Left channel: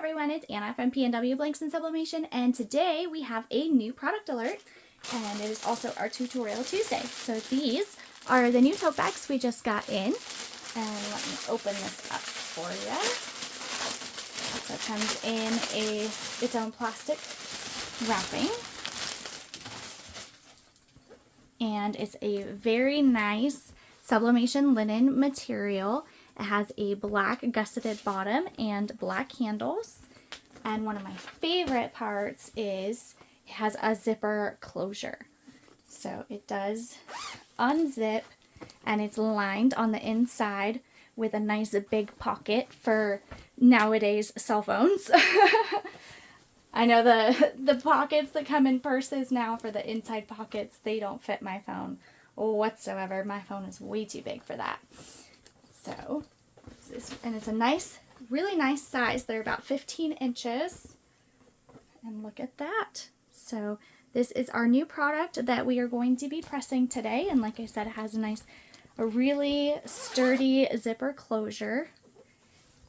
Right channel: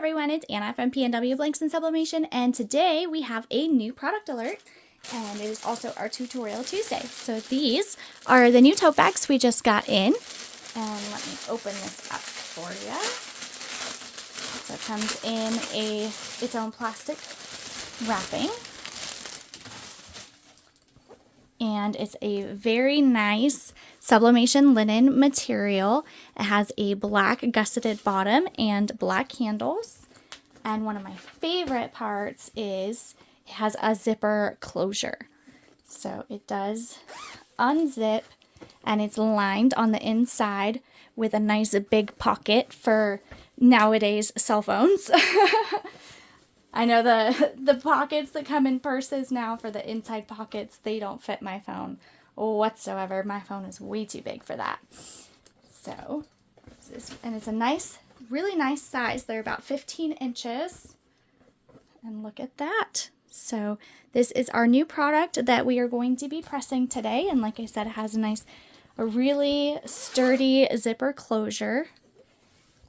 everyone, it's Anna from PNW Blanks and Sublimation, and today we have a new product alert, and it is also our Tutorial Tuesday. So these are the new tote bags we just got in, and let me open this up for you. So it comes in its own plastic wrapping, and it's a very nice sublimation linen material. It has a black gusseted bottom and black handles. And one of my favorite parts is it has a zipper closure. So it does unzip, and it's lined on the inside with a nice big pocket for nowadays cell phones. I know the pockets that come in purses now for the inside pockets, they don't fit my phone whatsoever. My phone is way too big for that. So, and it's a nice, really nice size. They're about 15 inches. And look at that. So this is our new product that we are going to be pressing today. And like I said, it has a really sturdy zipper closure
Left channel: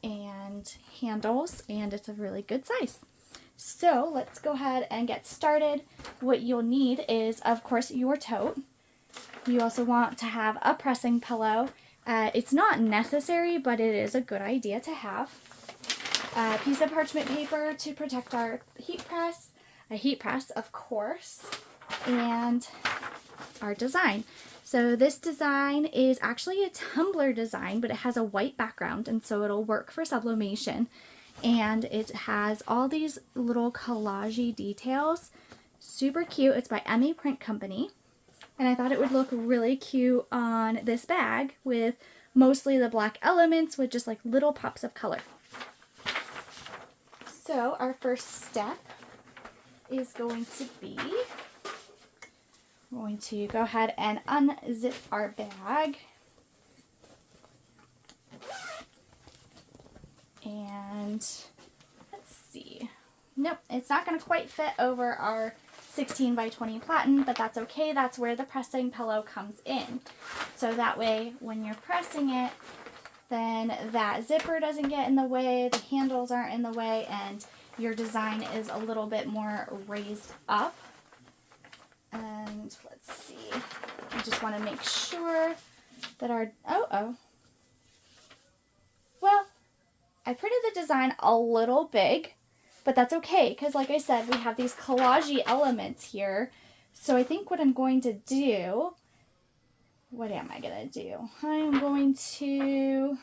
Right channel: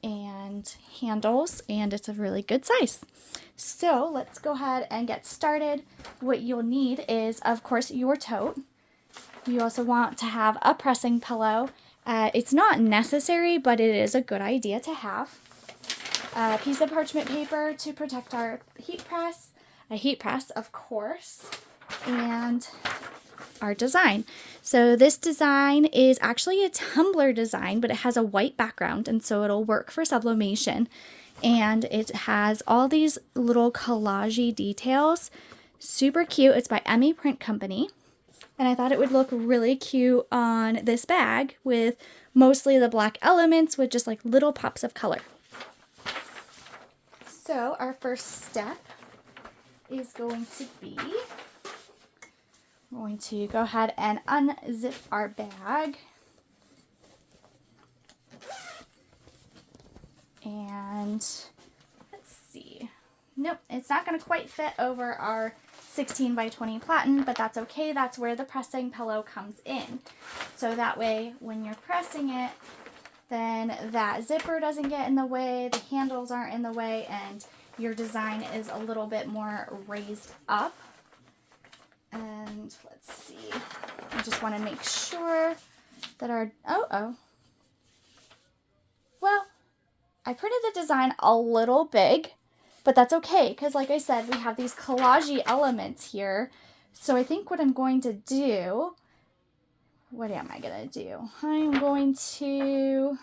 and handles, and it's a really good size. So let's go ahead and get started. What you'll need is, of course, your tote. You also want to have a pressing pillow. It's not necessary, but it is a good idea to have. A piece of parchment paper to protect our heat press, a heat press, of course, and our design. So this design is actually a tumbler design, but it has a white background, and so it'll work for sublimation. And it has all these little collage-y details. Super cute. It's by Emmy Print Company. And I thought it would look really cute on this bag with mostly the black elements with just like little pops of color. So our first step is going to be, we're going to go ahead and unzip our bag. And let's see. Nope, it's not going to quite fit over our 16 by 20 platen, but that's okay. That's where the pressing pillow comes in. So that way, when you're pressing it, then that zipper doesn't get in the way, the handles aren't in the way, and your design is a little bit more raised up. And let's see. I just want to make sure that our, well, I printed the design a little big, but that's okay, because like I said, we have these collage-y elements here. So I think what I'm going to do, what am I going to do? I'm going to,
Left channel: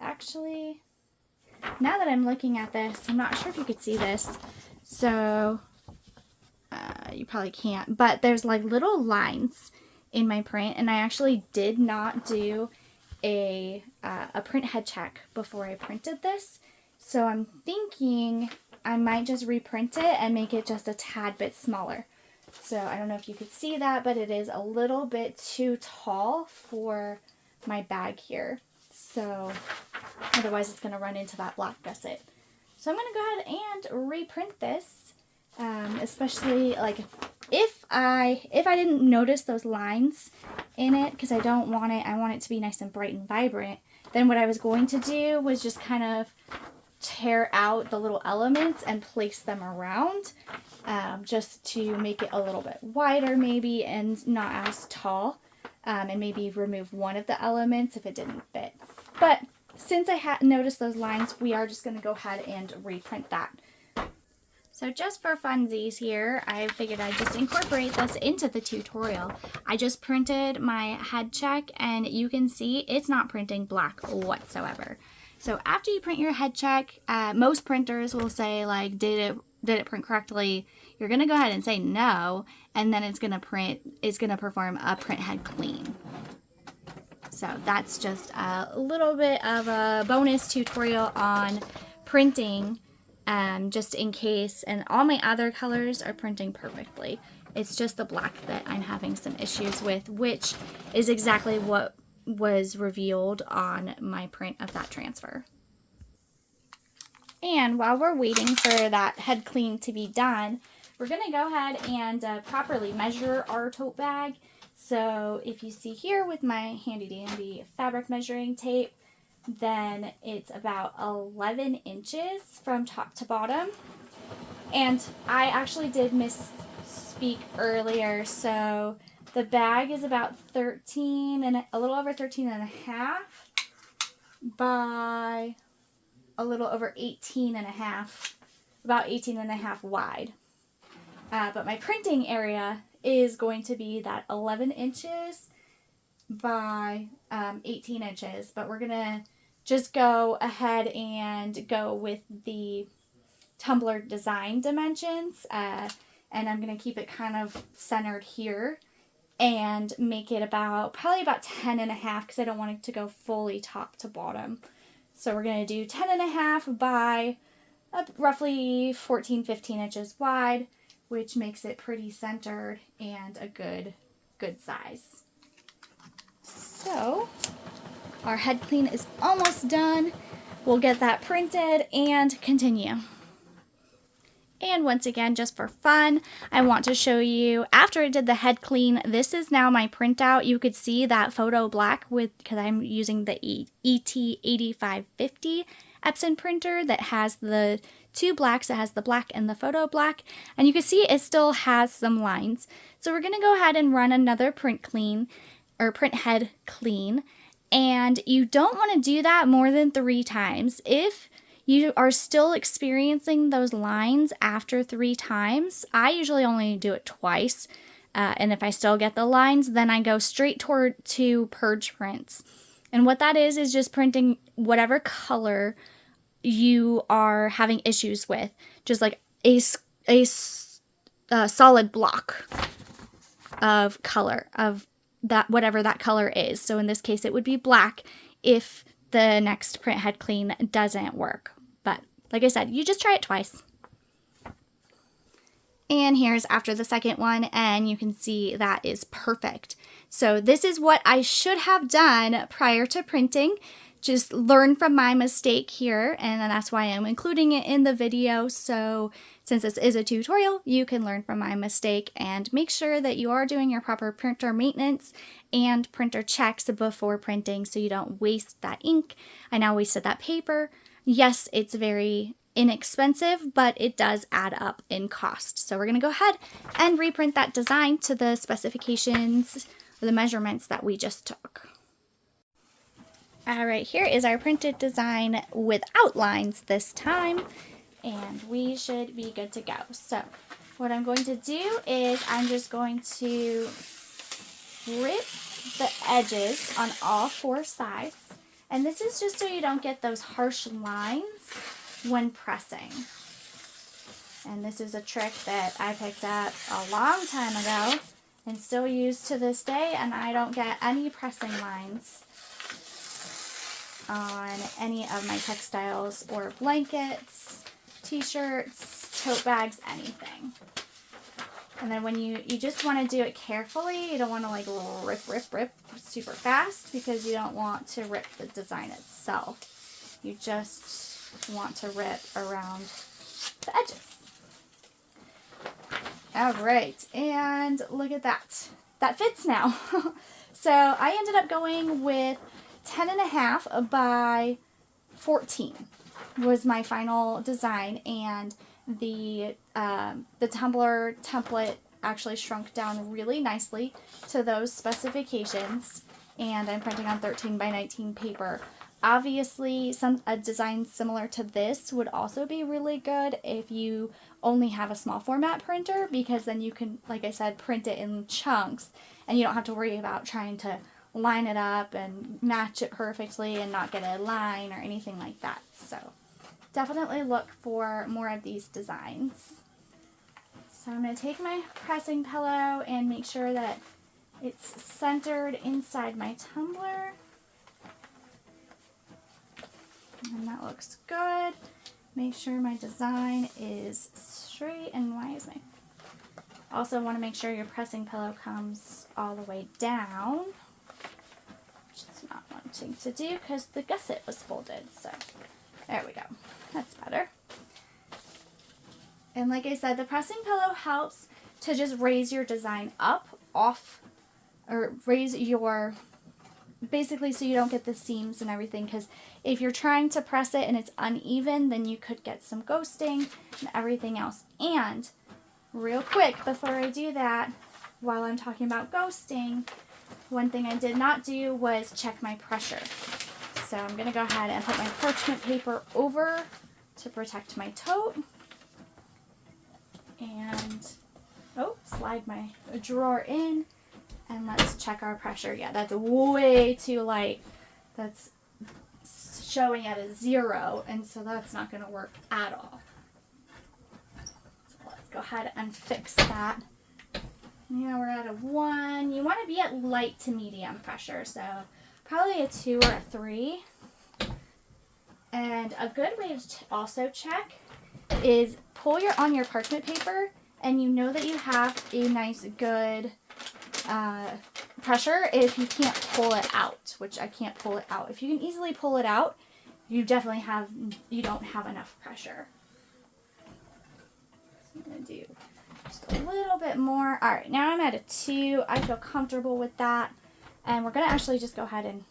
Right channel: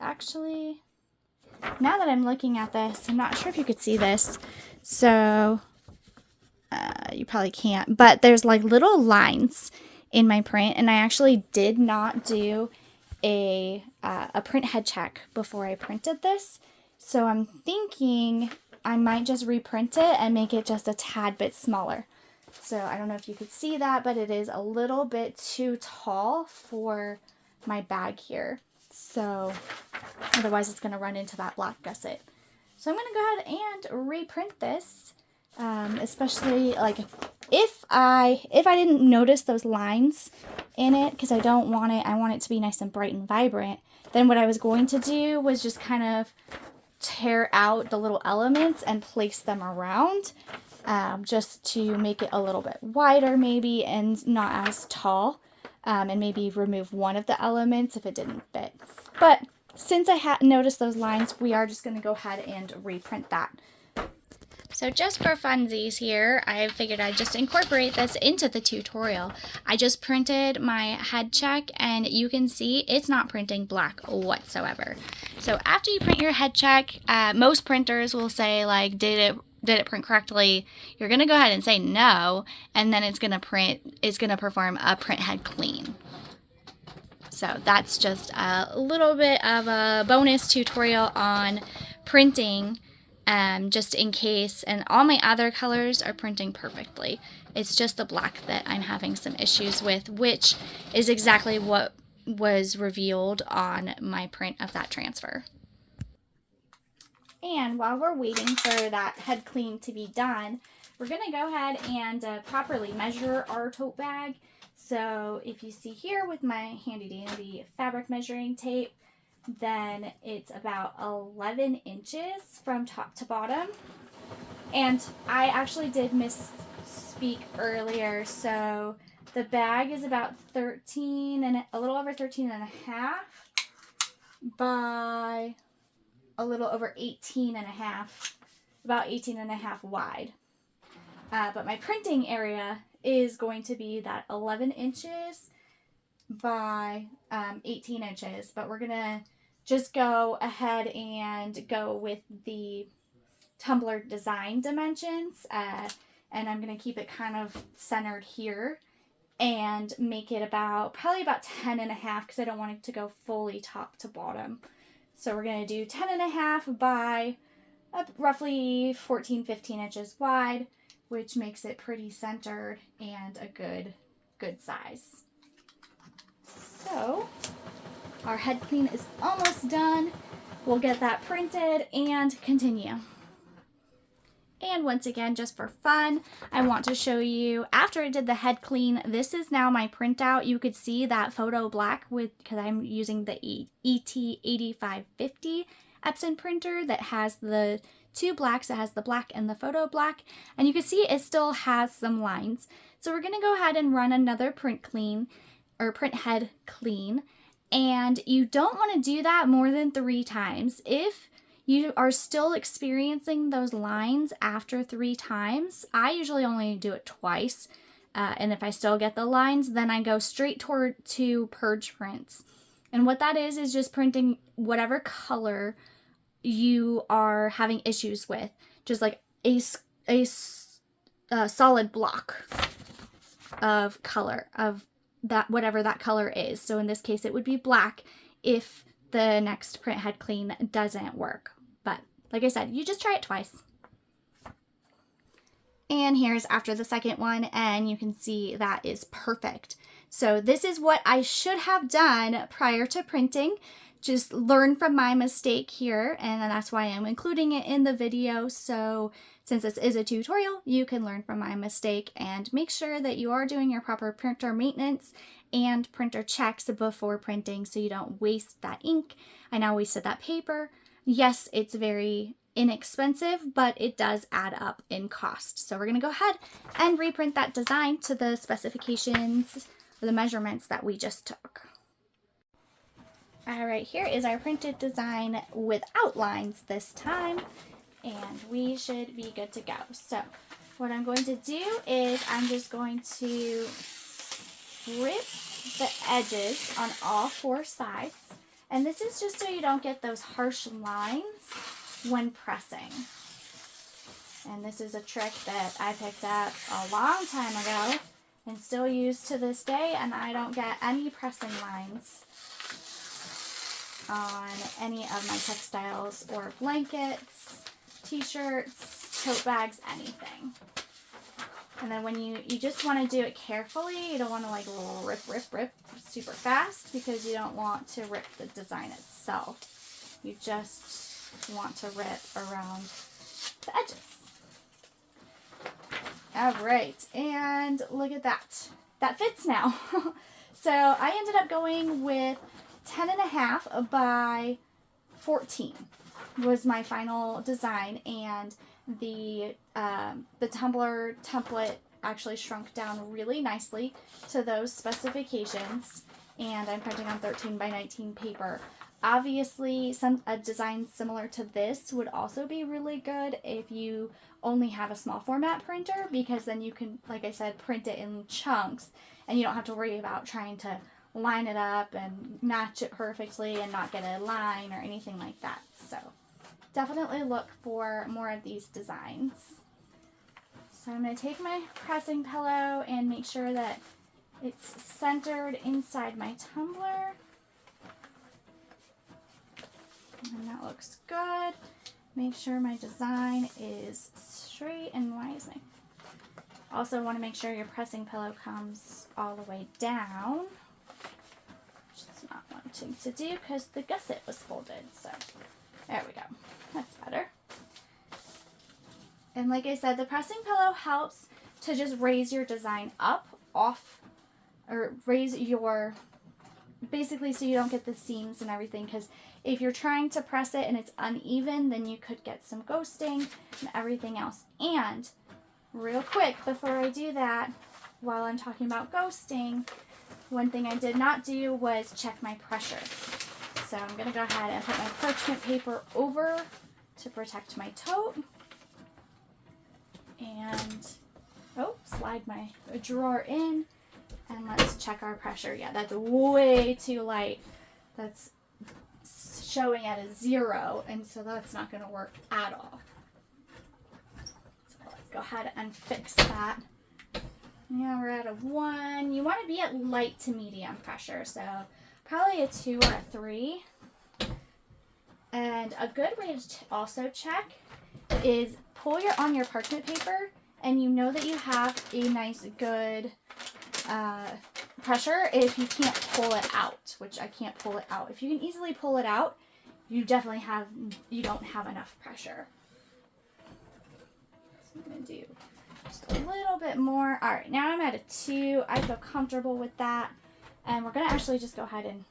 actually, now that I'm looking at this, I'm not sure if you could see this. So, you probably can't, but there's like little lines in my print, and I actually did not do a print head check before I printed this. So I'm thinking I might just reprint it and make it just a tad bit smaller. So I don't know if you could see that, but it is a little bit too tall for my bag here. So otherwise it's going to run into that black gusset. So I'm going to go ahead and reprint this, especially like if I didn't notice those lines in it, because I don't want it, I want it to be nice and bright and vibrant, then what I was going to do was just kind of tear out the little elements and place them around, just to make it a little bit wider maybe and not as tall, and maybe remove one of the elements if it didn't fit. But since I hadn't noticed those lines, we are just going to go ahead and reprint that. So just for funsies here, I figured I'd just incorporate this into the tutorial. I just printed my head check, and you can see it's not printing black whatsoever. So after you print your head check, most printers will say like, did it print correctly? You're gonna go ahead and say no, and then it's gonna perform a print head clean. So that's just a little bit of a bonus tutorial on printing, just in case, and all my other colors are printing perfectly. It's just the black that I'm having some issues with, which is exactly what was revealed on my print of that transfer. And while we're waiting for that head clean to be done, we're going to go ahead and properly measure our tote bag. So if you see here with my handy dandy fabric measuring tape, then it's about 11 inches from top to bottom. And I actually did misspeak earlier, so the bag is about 13 and a little over 13 and a half by a little over 18 and a half, about 18 and a half wide. But my printing area is going to be that 11 inches by 18 inches, but we're gonna just go ahead and go with the tumbler design dimensions, and I'm gonna keep it kind of centered here and make it probably about 10 and a half, because I don't want it to go fully top to bottom. So we're gonna do 10 and a half by roughly 14-15 inches wide, which makes it pretty centered and a good size. So our head clean is almost done. We'll get that printed and continue. And once again, just for fun, I want to show you, after I did the head clean, this is now my printout. You could see that photo black because I'm using the ET8550 Epson printer that has the two blacks. It has the black and the photo black. And you can see it still has some lines. So we're going to go ahead and run another print head clean. And you don't want to do that more than 3 times. If you are still experiencing those lines after 3 times, I usually only do it twice. And if I still get the lines, then I go straight to purge prints. And what that is just printing whatever color you are having issues with. Just like a solid block of color of that, whatever that color is. So in this case, it would be black if the next print head clean doesn't work. But like I said, you just try it twice. And here's after the second one, and you can see that is perfect. So this is what I should have done prior to printing. Just learn from my mistake here, and that's why I'm including it in the video. So since this is a tutorial, you can learn from my mistake and make sure that you are doing your proper printer maintenance and printer checks before printing so you don't waste that ink. I now wasted that paper. Yes, it's very inexpensive, but it does add up in cost. So we're going to go ahead and reprint that design to the specifications or the measurements that we just took. All right, here is our printed design with outlines this time, and we should be good to go. So what I'm going to do is I'm just going to rip the edges on all 4 sides, and this is just so you don't get those harsh lines when pressing. And this is a trick that I picked up a long time ago and still use to this day, and I don't get any pressing lines on any of my textiles or blankets, t-shirts, tote bags, anything. And then when you just want to do it carefully, you don't want to like rip super fast, because you don't want to rip the design itself. You just want to rip around the edges. All right, and look at that. That fits now. So I ended up going with 10 and a half by 14 was my final design, and the tumbler template actually shrunk down really nicely to those specifications, and I'm printing on 13 by 19 paper. Obviously, a design similar to this would also be really good if you only have a small format printer, because then you can, like I said, print it in chunks, and you don't have to worry about trying to line it up and match it perfectly and not get a line or anything like that. So definitely look for more of these designs. So I'm going to take my pressing pillow and make sure that it's centered inside my tumbler. And that looks good. Make sure my design is straight, and why is my... Also want to make sure your pressing pillow comes all the way down. Which is not wanting to do because the gusset was folded. So there we go. That's better. And like I said, the pressing pillow helps to just raise your design up, off, or raise your basically so you don't get the seams and everything, because if you're trying to press it and it's uneven, then you could get some ghosting and everything else. And real quick, before I do that, while I'm talking about ghosting, one thing I did not do was check my pressure. So I'm going to go ahead and put my parchment paper over to protect my tote. And, slide my drawer in. And let's check our pressure. Yeah, that's way too light. That's showing at a 0, and so that's not going to work at all. So let's go ahead and fix that. Yeah, we're at a 1. You want to be at light to medium pressure, so probably a 2 or a 3. And a good way to also check is pull on your parchment paper, and you know that you have a nice good pressure if you can't pull it out, which I can't pull it out. If you can easily pull it out, you don't have enough pressure. So I'm going to do just a little bit more. All right, now I'm at a 2. I feel comfortable with that. And we're going to actually just go ahead and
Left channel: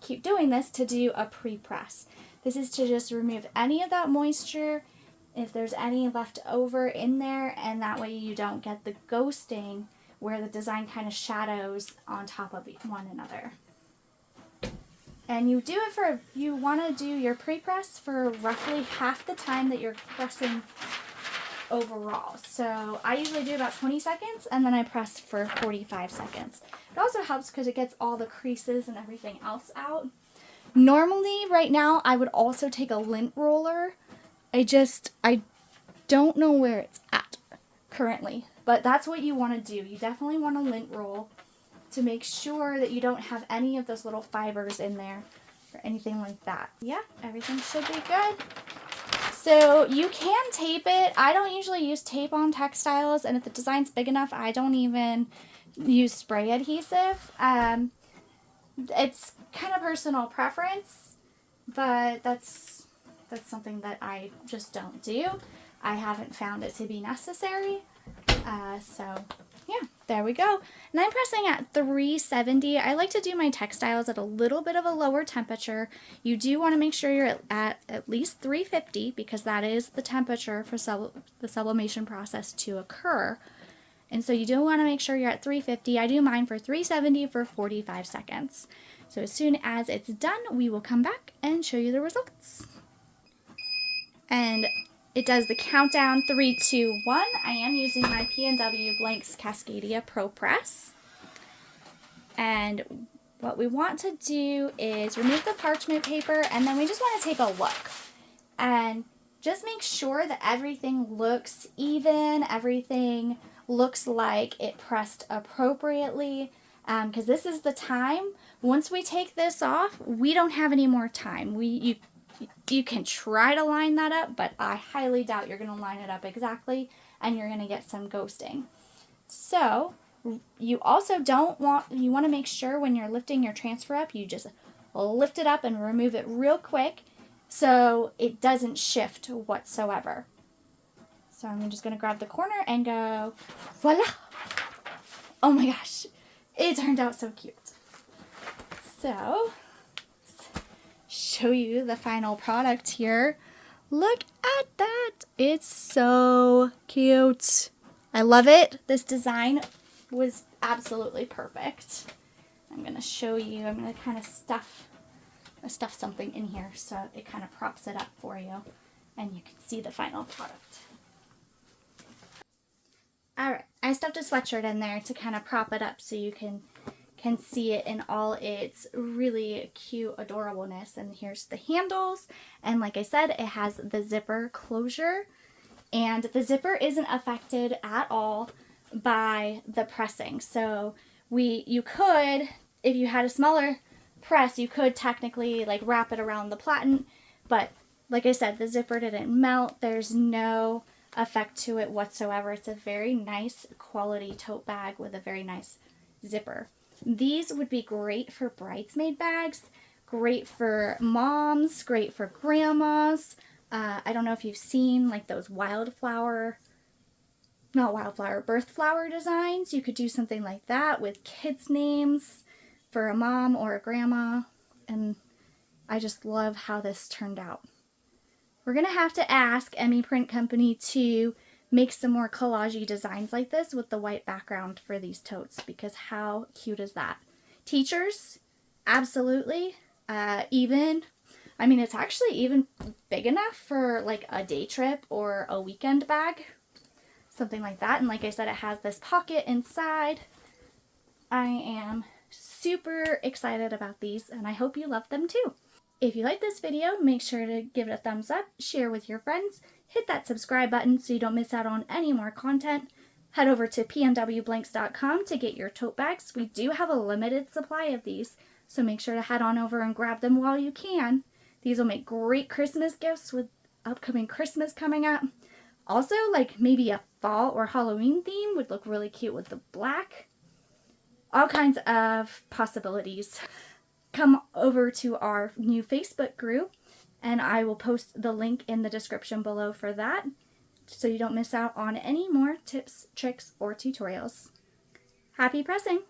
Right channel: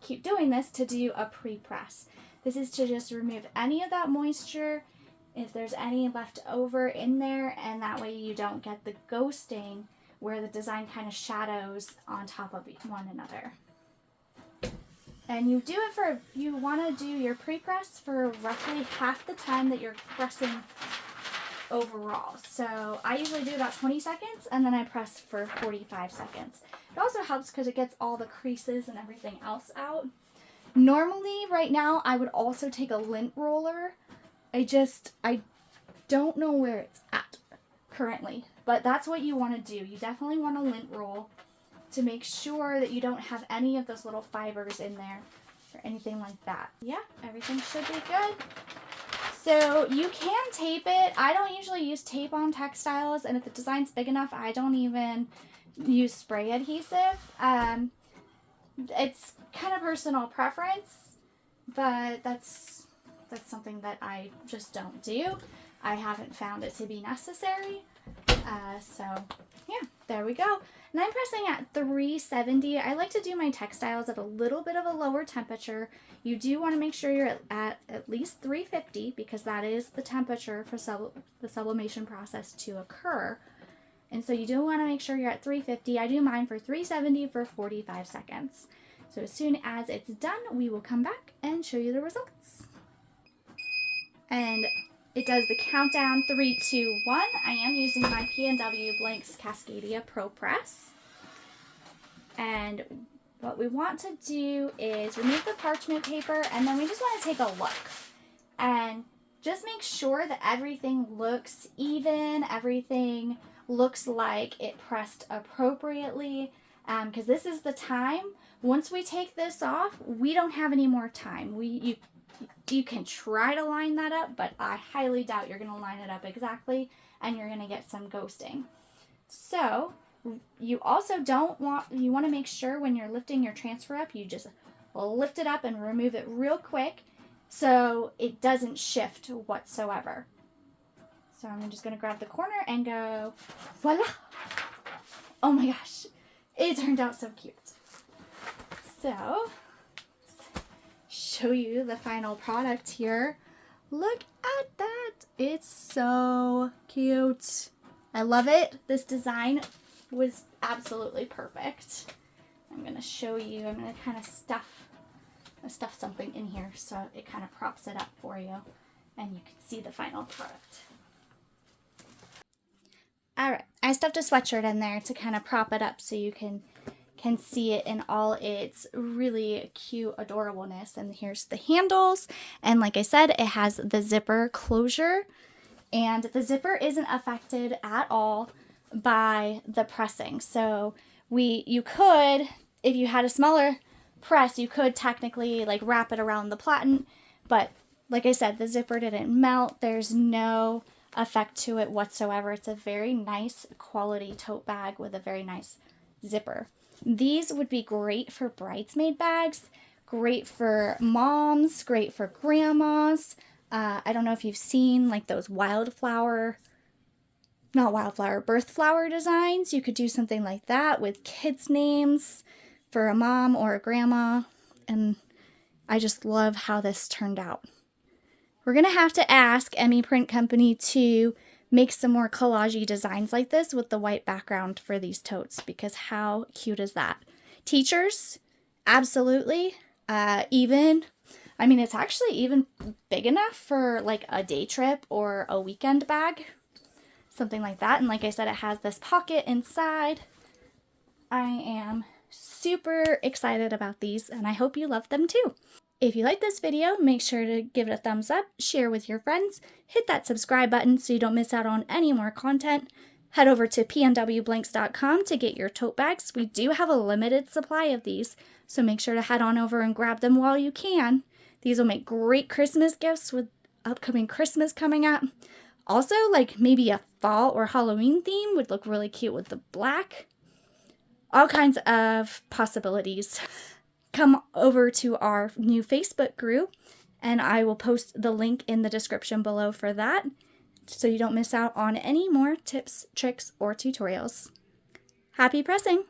keep doing this to do a pre-press. This is to just remove any of that moisture, if there's any left over in there, and that way you don't get the ghosting where the design kind of shadows on top of one another. And you want to do your pre-press for roughly half the time that you're pressing overall. So I usually do about 20 seconds, and then I press for 45 seconds. It also helps because it gets all the creases and everything else out. Normally, right now, I would also take a lint roller. I don't know where it's at currently, but that's what you want to do. You definitely want to lint roll to make sure that you don't have any of those little fibers in there or anything like that. Yeah, everything should be good. So you can tape it. I don't usually use tape on textiles, and if the design's big enough, I don't even use spray adhesive. It's kind of personal preference, but that's something that I just don't do. I haven't found it to be necessary. So yeah, there we go. And I'm pressing at 370. I like to do my textiles at a little bit of a lower temperature. You do want to make sure you're at least 350, because that is the temperature for the sublimation process to occur. And so you do want to make sure you're at 350. I do mine for 370 for 45 seconds. So as soon as it's done, we will come back and show you the results. And it does the countdown 3, 2, 1. I am using my PNW Blanks Cascadia Pro Press. And what we want to do is remove the parchment paper, and then we just want to take a look. And just make sure that everything looks even, everything looks like it pressed appropriately, because this is the time. Once we take this off, we don't have any more time. You can try to line that up, but I highly doubt you're going to line it up exactly, and you're going to get some ghosting. So you also want to make sure when you're lifting your transfer up, you just lift it up and remove it real quick so it doesn't shift whatsoever. So I'm just going to grab the corner and go, voila! Oh my gosh, it turned out so cute. So show you the final product here. Look at that. It's so cute. I love it. This design was absolutely perfect. I'm going to show you. I'm going to kind of stuff something in here so it kind of props it up for you and you can see the final product. All right. I stuffed a sweatshirt in there to kind of prop it up so you can see it in all its really cute adorableness. And here's the handles, and like I said, it has the zipper closure, and the zipper isn't affected at all by the pressing. So you could, if you had a smaller press, you could technically like wrap it around the platen, but like I said, the zipper didn't melt. There's no effect to it whatsoever. It's a very nice quality tote bag with a very nice zipper. These would be great for bridesmaid bags, great for moms, great for grandmas. I don't know if you've seen like those birth flower designs. You could do something like that with kids' names. for a mom or a grandma, and I just love how this turned out. We're going to have to ask Emmy Print Company to make some more collage-y designs like this with the white background for these totes, because how cute is that? Teachers, absolutely. It's actually even big enough for like a day trip or a weekend bag, something like that. And like I said, it has this pocket inside. I am super excited about these, and I hope you love them too. If you like this video, make sure to give it a thumbs up, share with your friends, hit that subscribe button so you don't miss out on any more content. Head over to pnwblanks.com to get your tote bags. We do have a limited supply of these, so make sure to head on over and grab them while you can. These will make great Christmas gifts with upcoming Christmas coming up. Also, like maybe a fall or Halloween theme would look really cute with the black. All kinds of possibilities. Come over to our new Facebook group, and I will post the link in the description below for that, so you don't miss out on any more tips, tricks, or tutorials. Happy pressing!